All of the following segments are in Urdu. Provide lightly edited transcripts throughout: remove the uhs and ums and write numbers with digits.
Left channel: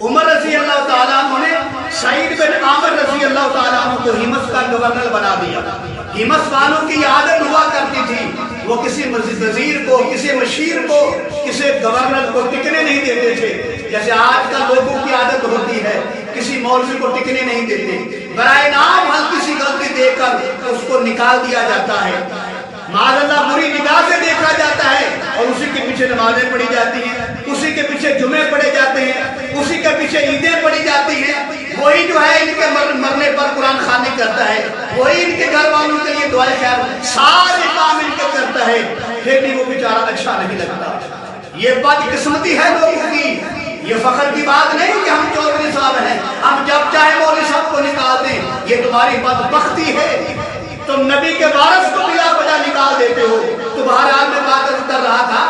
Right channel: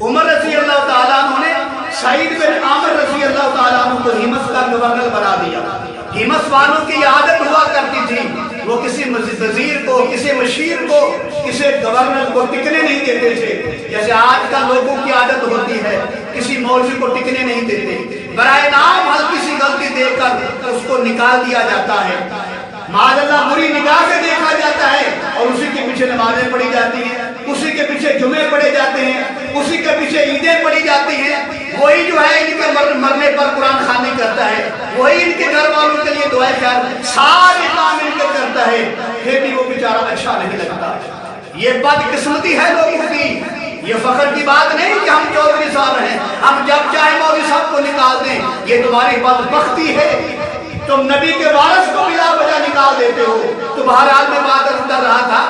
عمر رضی اللہ تعالیٰ عنہ نے سعید بن عامر رضی اللہ تعالیٰ عنہ کو ہمس کا گورنر بنا دیا۔ ہمس والوں کی عادت ہوا کرتی تھی، وہ کسی وزیر کو، کسی مشیر کو، کسی گورنر کو ٹکنے نہیں دیتے تھے، جیسے آج کا لوگوں کی عادت ہوتی ہے، کسی مولوی کو ٹکنے نہیں دیتے، برائے نام ہلکی سی غلطی دیکھ کر اس کو نکال دیا جاتا ہے، معاذ اللہ بری نگاہ سے دیکھا جاتا ہے، اور اسی کے پیچھے نمازیں پڑھی جاتی ہیں، اسی کے پیچھے جمعے پڑھے جاتے ہیں، اسی کے پیچھے عیدیں پڑھی جاتی ہیں، وہی جو ہے ان کے مرنے پر قرآن خوانی کرتا ہے، وہی ان کے گھر والوں کے لیے دعائیں خیر سارے کام ان کے کرتا ہے، پھر بھی وہ بیچارہ اچھا نہیں لگتا۔ یہ بدقسمتی ہے لوگوں کی، یہ فخر کی بات نہیں کہ ہم چودھری صاحب ہیں، ہم جب چاہے مولوی صاحب کو نکال دیں، یہ تمہاری بدبختی ہے، تم نبی کے وارث کو بلا وجہ نکال دیتے ہو۔ تو بہرحال میں بات کر رہا تھا،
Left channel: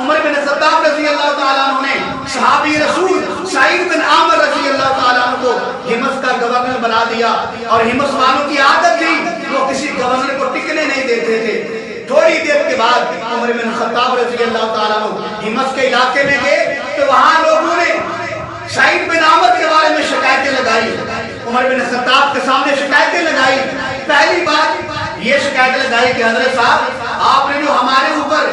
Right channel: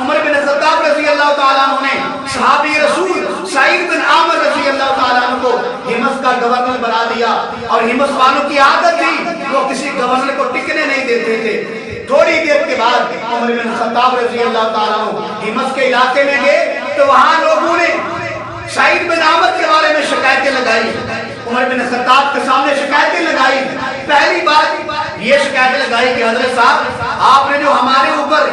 عمر بن خطاب رضی اللہ تعالیٰ عنہ نے صحابی رسول سعید بن عامر رضی اللہ تعالیٰ عنہ کو ہمس کا گورنر بنا دیا، اور ہمس والوں کی عادت تھی وہ کسی گورنر کو ٹکنے نہیں دیتے تھے۔ تھوڑی دیر کے بعد عمر بن خطاب رضی اللہ تعالیٰ عنہ ہمس کے علاقے میں گئے تو وہاں لوگوں نے سعید بن عامر کے بارے میں شکایتیں لگائی، عمر بن خطاب کے سامنے شکایتیں لگائی۔ پہلی بات یہ شکایت لگائی کہ حضرت صاحب آپ نے جو ہمارے اوپر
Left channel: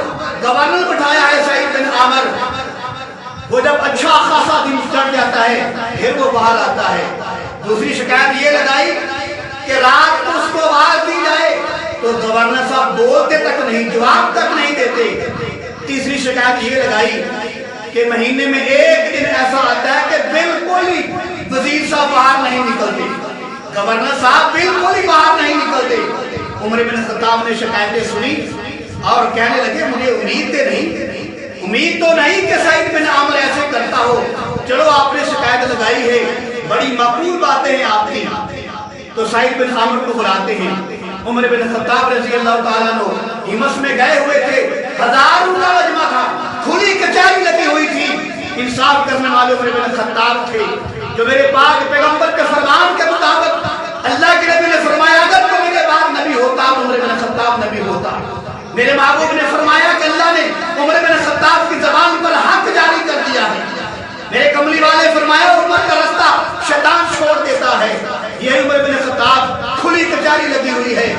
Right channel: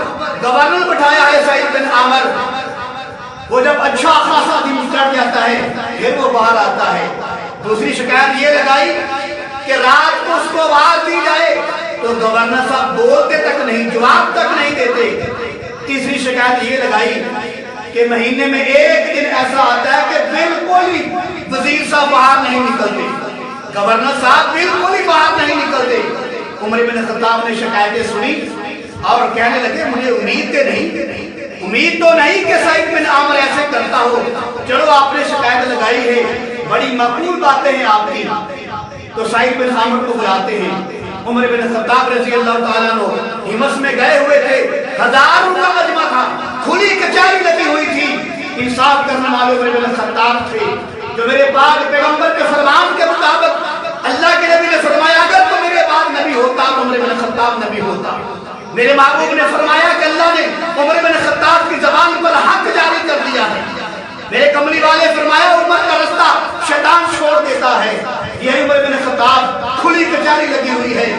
گورنر بٹھایا ہے سعید بن عامر، وہ جب اچھا خاصا دن چڑھ جاتا ہے پھر وہ باہر آتا ہے۔ دوسری شکایت یہ لگائی کہ رات کو اس کو آواز دی جائے تو گورنر صاحب بولتے تک نہیں، جواب تک نہیں دیتے۔ تیسری شکایت یہ لگائی کہ مہینے میں ایک دن ایسا آتا ہے کہ بالکل ہی وزیر صاحب باہر نہیں نکلتے، گورنر صاحب بالکل ہی باہر نہیں نکلتے۔ عمر بن خطاب نے شکایتیں سنی اور کہنے لگے مجھے امید تو نہیں کہ سعید بن عامر ایسے کرتا ہو، چلو آپ نے شکایت لگائی ہے، بڑی مقبول باتیں ہیں آپ کی، تو سعید بن عامر کو بلاتے ہیں۔ عمر بن خطاب رضی اللہ تعالیٰ عنہ ہمس میں گئے ہوئے تھے، ہزاروں کا مجمع تھا، کھلی کچہری لگی ہوئی تھی، انصاف کرنے والے عمر بن خطاب تھے، جو میرے پاک پیغمبر کے فرمان کے مطابق اللہ کے نبی نے فرمایا اگر تو میرے بعد نبی ہوتا تو عمر بن خطاب نبی ہوتا۔ میرے محبوب نے فرمایا کہ اللہ نے عمر بن خطاب کی زبان پر حق جاری کر دیا ہے۔ میرے کملی والے فرمایا عمر کا رستہ شیطان چھوڑ دیتا ہے۔ یہ عمر بن خطاب کھلی کچہری لگی ہوئی ہے،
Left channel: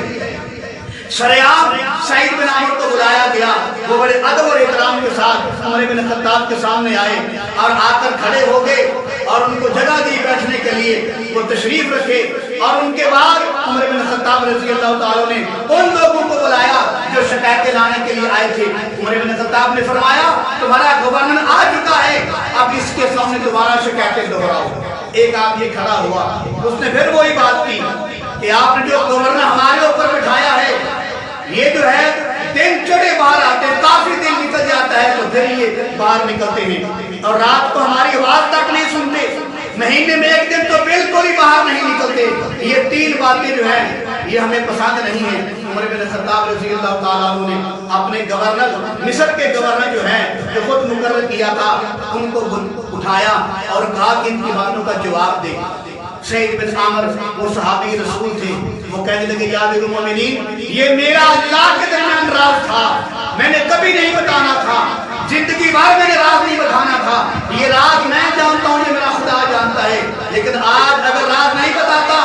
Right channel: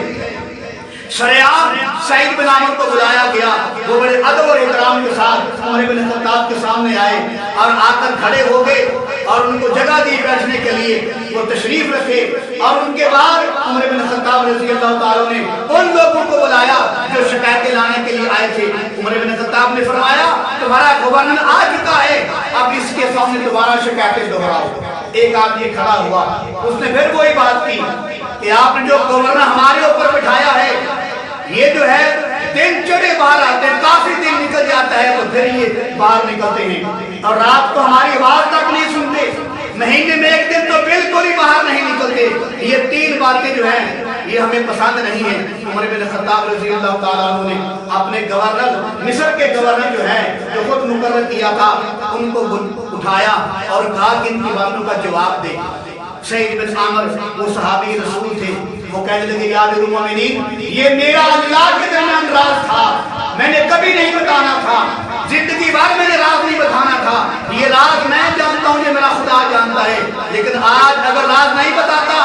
شریعام سعید بن عامر کو بلایا گیا، وہ بڑے ادب اور احترام کے ساتھ عمر بن خطاب کے سامنے آئے اور آ کر کھڑے ہو گئے اور ان کو جگہ دی بیٹھنے کے لیے، وہ تشریف رکھے، اور ان کے بعد عمر بن خطاب رضی اللہ تعالیٰ نے ان لوگوں کو بلایا جو شکایتیں لانے کے لیے آئے تھے۔ عمر بن خطاب نے فرمایا تمہارا گورنر آ چکا ہے، اب اس کے سامنے دوبارہ شکایتیں دہراؤ۔ ایک آدمی کھڑا ہوا، اس نے پھر وہی بات کی کہ آپ نے جو گورنر ہمارے اوپر بٹھایا ہے، یہ جو ہے دن چڑھے باہر آتے ہیں، کافی دن نکل جاتا ہے تو پھر یہ باہر نکلتے ہیں، اور رات کو ہماری آواز تک نہیں سنتے، مہینے میں ایک دن تو بالکل ہی باہر نہیں نکلتے۔ یہ تین باتیں جو ہیں یہ ہمیں پسند نہیں ہیں۔ عمر بن خطاب رضی اللہ تعالیٰ عنہ نے اپنے گورنر، مصر کے گورنر جو ہیں جو خود مقرر کیا تھا، ان کو اٹھایا اور کہا کہ ان کی باتوں کا جواب دے۔ سعید بن عامر وہ صحابی رسول تھے، وہ کہنے لگے یا امیر المومنین یہ میرا اللہ کے درمیان راز تھا، میں نے کبھی نہیں بتانا تھا، زندگی بھر میں نے راز نہیں بتانا تھا، یہ راز میں جانتا ہوں، یہ میرا خدا جانتا ہے، لیکن آج اگر راز نہیں بتاتا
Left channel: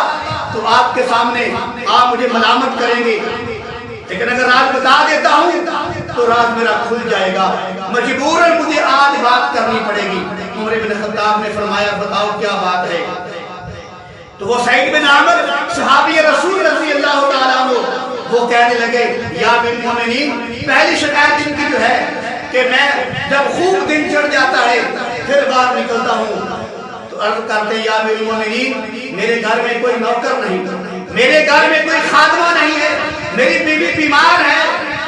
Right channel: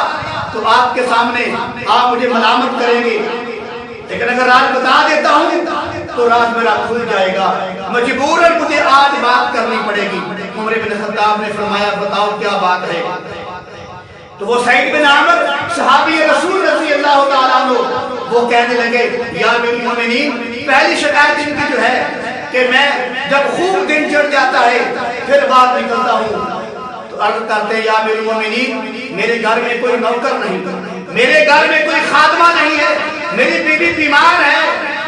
تو آپ کے سامنے آپ مجھے ملامت کریں گے، لیکن اگر راز بتا دیتا ہوں تو راز میرا کھل جائے گا، مجبوراً مجھے آج بات کرنی پڑے گی۔ عمر بن خطاب نے فرمایا بتاؤ کیا بات ہے؟ تو وہ سعید بن عامر صحابی رسول رضی اللہ تعالیٰ عنہ وہ کہنے لگے یا امیر المومنین پہلی شکایت ان کی جو ہے کہ میں جب خوب دن چڑھ جاتا ہے پھر باہر نکلتا ہوں، تو عرض کرتے ہیں یا امیر المومنین میرے گھر میں کوئی نوکر نہیں، میرے گھر میں کوئی خادمہ نہیں ہے، میری بیوی بیمار ہے،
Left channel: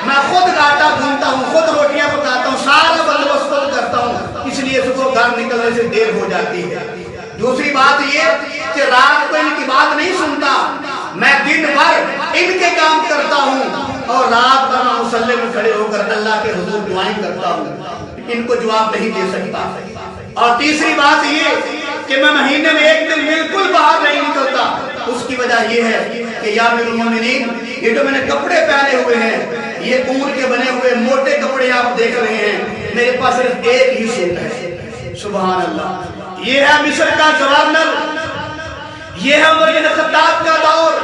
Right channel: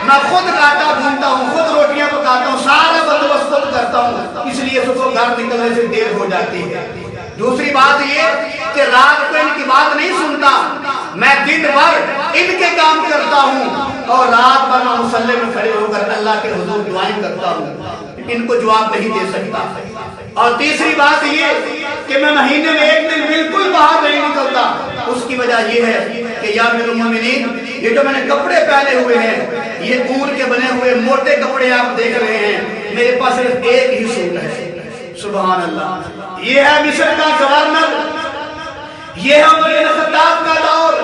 میں خود آٹا گھونتا ہوں، خود روٹیاں پکاتا ہوں، سارا بندوبست خود کرتا ہوں، اس لیے صبح گھر نکلنے سے دیر ہو جاتی ہے۔ دوسری بات یہ کہ رات کو ان کی بات نہیں سنتا، میں دن بھر ان کے کام کرتا ہوں اور رات بھر میں مصلی میں کھڑے ہو کر اللہ کے حضور دعائیں کرتا ہوں، ان کو جواب نہیں دے سکتا۔ اور تیسری بات یہ کہ میں مہینے میں ایک دن بالکل باہر نہیں نکلتا، اس کی وجہ یہ ہے کہ یا امیر المومنین یہ جو میں نے کپڑے پہنے ہوئے ہیں یہ اون کے بنے ہوئے موٹے کپڑے آپ دیکھ رہے ہیں، میرے پاس صرف ایک ہی سوٹ ہے، سبحان اللہ، یہ ہے مصر کا گورنر، یہ ہے عمر بن خطاب کا دور،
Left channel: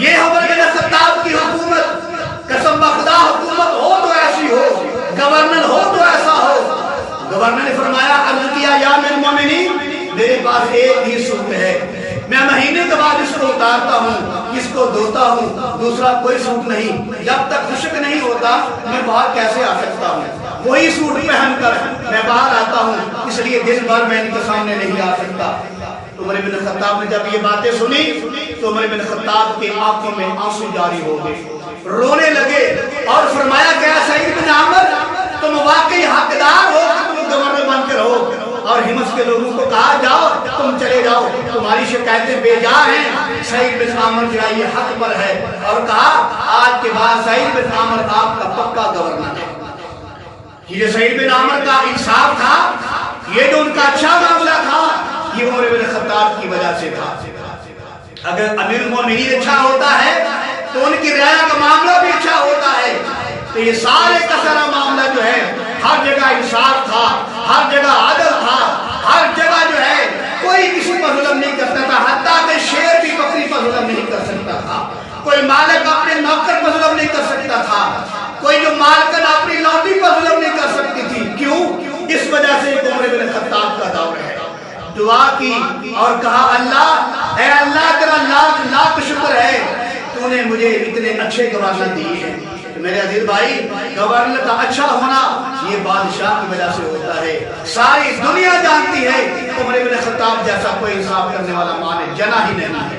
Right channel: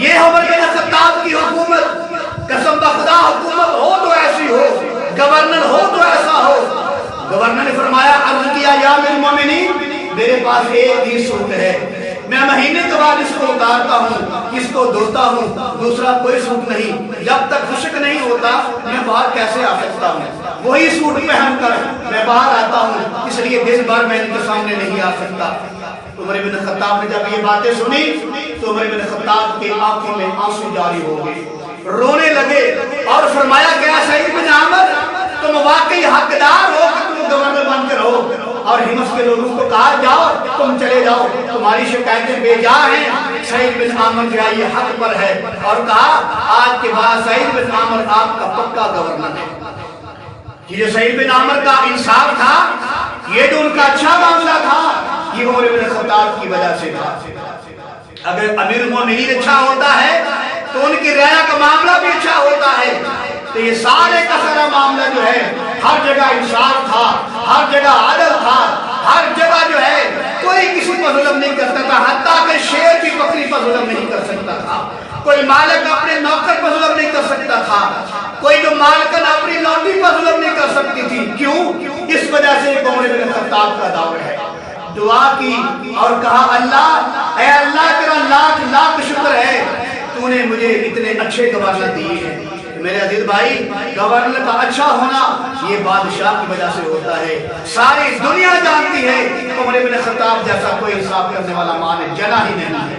یہ ہے عمر بن خطاب کی حکومت۔ قسم بخدا حکومت ہو تو ایسی ہو، گورنر ہو تو ایسا ہو۔ گورنر نے فرمایا، عرض کیا یا امیر المومنین میرے پاس ایک ہی سوٹ ہے، میں مہینے کے بعد اس کو اتارتا ہوں، اس کو دھوتا ہوں، دوسرا کوئی سوٹ نہیں، جب تک خشک نہیں ہوتا میں باہر کیسے آ سکتا ہوں؟ وہی سوٹ پہن کر میں باہر آتا ہوں، اس لیے دن بھر میں ان کے سامنے نہیں آ سکتا۔ عمر بن خطاب نے جب یہ باتیں سنی تو عمر بن خطاب کے آنکھوں میں آنسو جاری ہو گئے، رونے لگے اور فرمایا کہ سعید بن عامر تم واقعی حقدار ہو کہ تم گورنر بن کے رہو۔ اور ہمس کے لوگوں کو کہا جاؤ تم چلے جاؤ، تمہاری شکایتیں بے جا ہیں، سعید بن عامر جو ہے یہ حق پر ہے، اور کہا آج کے بعد سعید بن عامر آپ کا پکا گورنر ہے۔ یہ سعید بن عامر کا انصاف تھا، یہ جو ان کا اچھا معاملہ تھا، یہ عمر بن خطاب کی وجہ سے تھا۔ اگر امیر المومنین اچھا ہوتا ہے تو ان کی رعایا کا معاملہ بھی اچھا ہوتا ہے۔ تو یہ سارے کا سارا معاملہ جو ہے ہر جگہ انصاف تھا، ہر جگہ عدل تھا، ہر جگہ جو ہے کوئی کسی پر ظلم نہیں کرتا تھا، حتیٰ کہ شیر بھی بکری پر ظلم نہیں کر سکتا تھا، کوئی مالک اپنے نوکر پر ظلم نہیں کر سکتا تھا، کوئی جو مالکن اپنی لوٹی پر ظلم نہیں کر سکتی تھی۔ کیوں؟ اس وجہ سے عمر بن خطاب کا دور ہے۔ دعا کی اور کہا اللہ، اے اللہ تیرا لاکھ لاکھ شکر ہے تو نے مجھے اتنے اچھے گورنر دیے ہیں۔ میرے عزیز بھائی، گورنر کا اچھا ہونا یہ بادشاہ کی وجہ سے ہوتا ہے۔ ساری دنیا جانتی ہے عمر بن خطاب جیسا کوئی انصاف کرنے والا مان جنا ہی نہیں ہے۔